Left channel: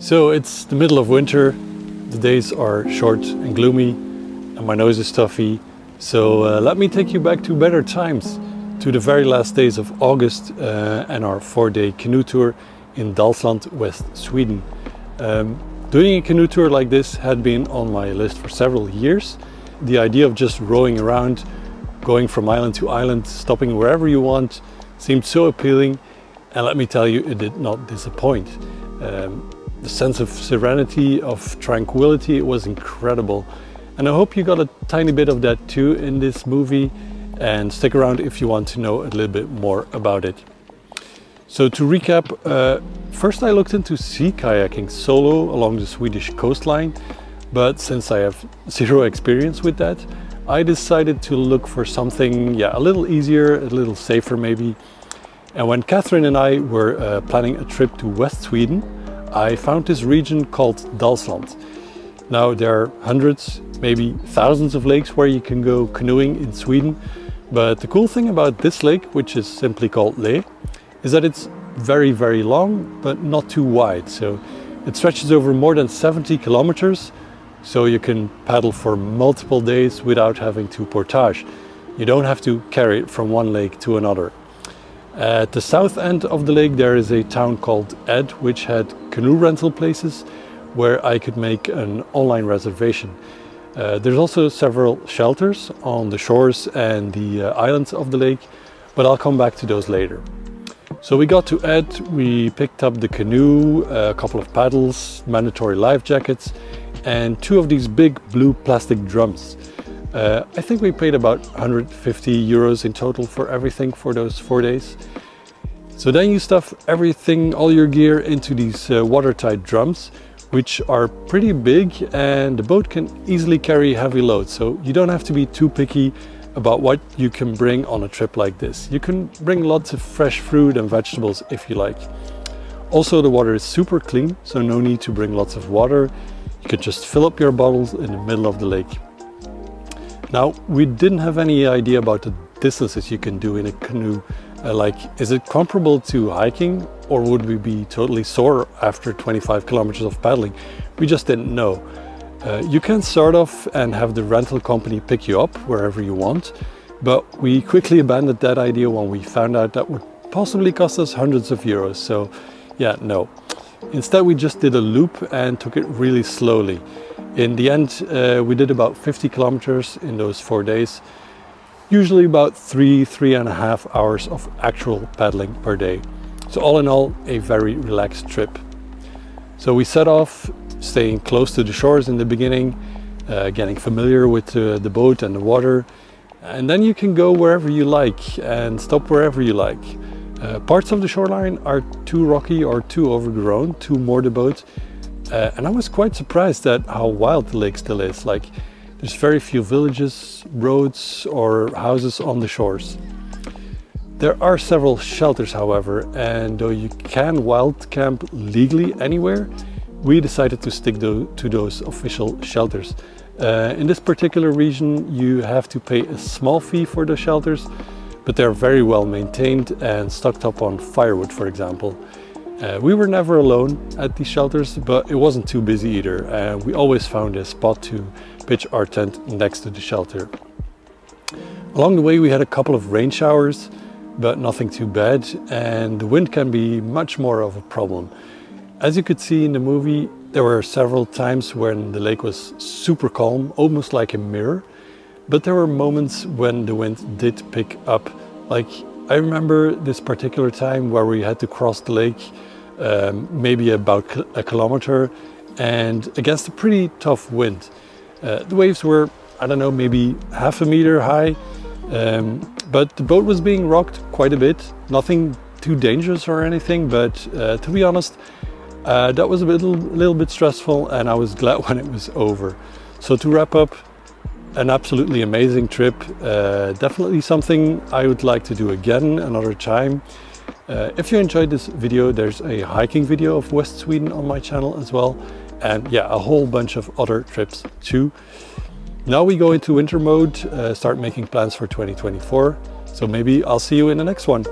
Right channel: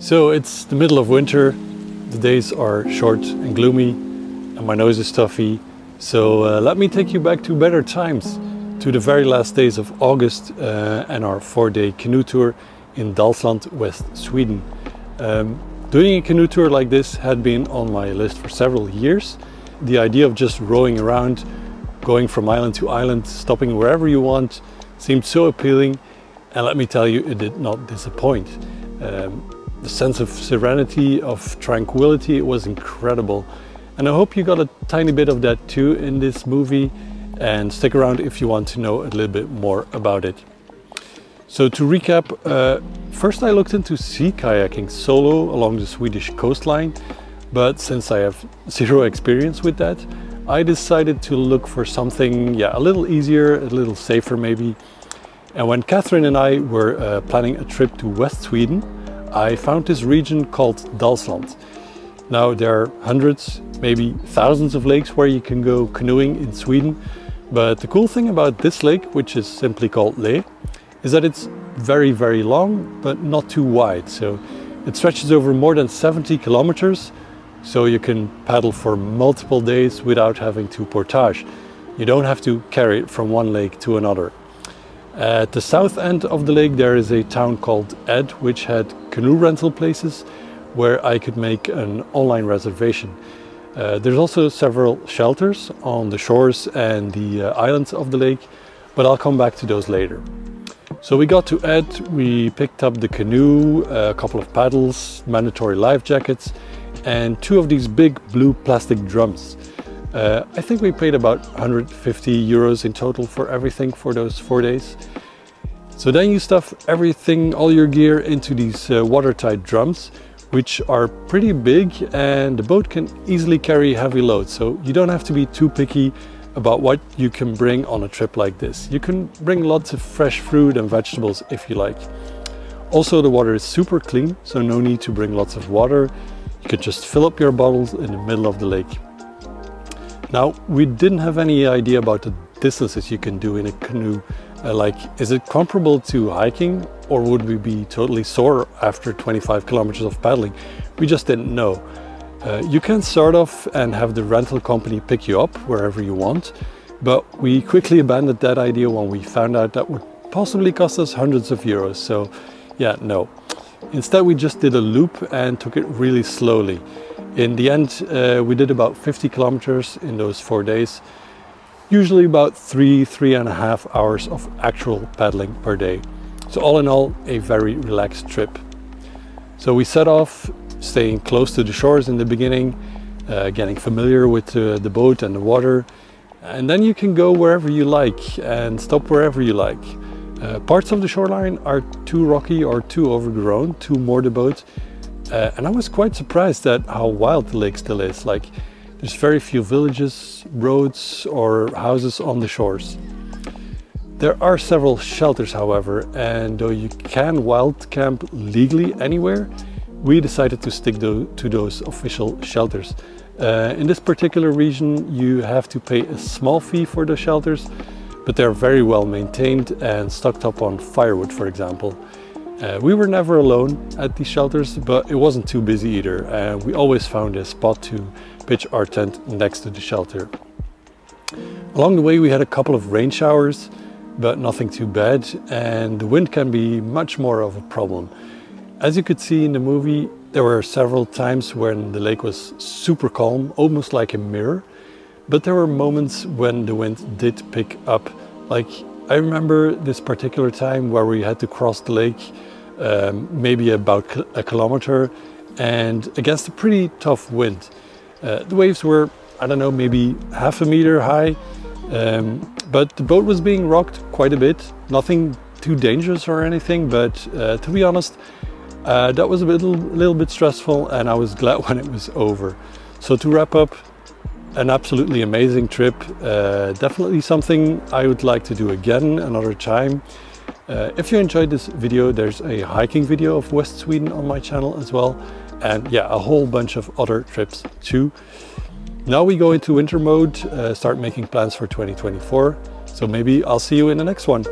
So it's the middle of winter, the days are short and gloomy and my nose is stuffy. So let me take you back to better times, to the very last days of August and our 4-day canoe tour in Dalsland, West Sweden. Doing a canoe tour like this had been on my list for several years. The idea of just rowing around, going from island to island, stopping wherever you want, seemed so appealing, and let me tell you, it did not disappoint. The sense of serenity, of tranquility, it was incredible. And I hope you got a tiny bit of that too in this movie, and stick around if you want to know a little bit more about it. So to recap, first I looked into sea kayaking solo along the Swedish coastline, but since I have zero experience with that, I decided to look for something a little easier, a little safer maybe. And when Catherine and I were planning a trip to West Sweden, I found this region called Dalsland. Now there are hundreds, maybe thousands of lakes where you can go canoeing in Sweden, but the cool thing about this lake, which is simply called Le, is that it's very, very long, but not too wide. So it stretches over more than 70 kilometers, so you can paddle for multiple days without having to portage. You don't have to carry it from one lake to another. At the south end of the lake there is a town called Ed, which had canoe rental places where I could make an online reservation. There's also several shelters on the shores and the islands of the lake, but I'll come back to those later. So we got to Ed, we picked up the canoe, a couple of paddles, mandatory life jackets, and 2 of these big blue plastic drums. I think we paid about 150 euros in total for everything for those 4 days. So then you stuff everything, all your gear, into these watertight drums, which are pretty big, and the boat can easily carry heavy loads. So you don't have to be too picky about what you can bring on a trip like this. You can bring lots of fresh fruit and vegetables if you like. Also, the water is super clean, so no need to bring lots of water. You can just fill up your bottles in the middle of the lake. Now, we didn't have any idea about the distances you can do in a canoe. Is it comparable to hiking, or would we be totally sore after 25 kilometers of paddling? We just didn't know. You can start off and have the rental company pick you up wherever you want, but we quickly abandoned that idea when we found out that would possibly cost us hundreds of euros. So yeah, no. Instead, we just did a loop and took it really slowly. In the end, we did about 50 kilometers in those 4 days. Usually about 3.5 hours of actual paddling per day. So all in all, a very relaxed trip. So we set off, staying close to the shores in the beginning, getting familiar with the boat and the water. And then you can go wherever you like and stop wherever you like. Parts of the shoreline are too rocky or too overgrown to moor the boat. And I was quite surprised at how wild the lake still is. There's very few villages, roads or houses on the shores. There are several shelters, however, and though you can wild camp legally anywhere, we decided to stick to those official shelters. In this particular region, you have to pay a small fee for the shelters, but they're very well maintained and stocked up on firewood, for example. We were never alone at these shelters, but it wasn't too busy either. We always found a spot to pitch our tent next to the shelter. Along the way we had a couple of rain showers, but nothing too bad, and the wind can be much more of a problem. As you could see in the movie, there were several times when the lake was super calm, almost like a mirror, but there were moments when the wind did pick up. I remember this particular time where we had to cross the lake, maybe about a kilometer, and against a pretty tough wind. The waves were, I don't know, maybe half a meter high, but the boat was being rocked quite a bit. Nothing too dangerous or anything, but to be honest, that was a little bit stressful, and I was glad when it was over. So to wrap up, an absolutely amazing trip. Definitely something I would like to do again another time. If you enjoyed this video, there's a hiking video of West Sweden on my channel as well. And yeah, a whole bunch of other trips too. Now we go into winter mode, start making plans for 2024. So maybe I'll see you in the next one.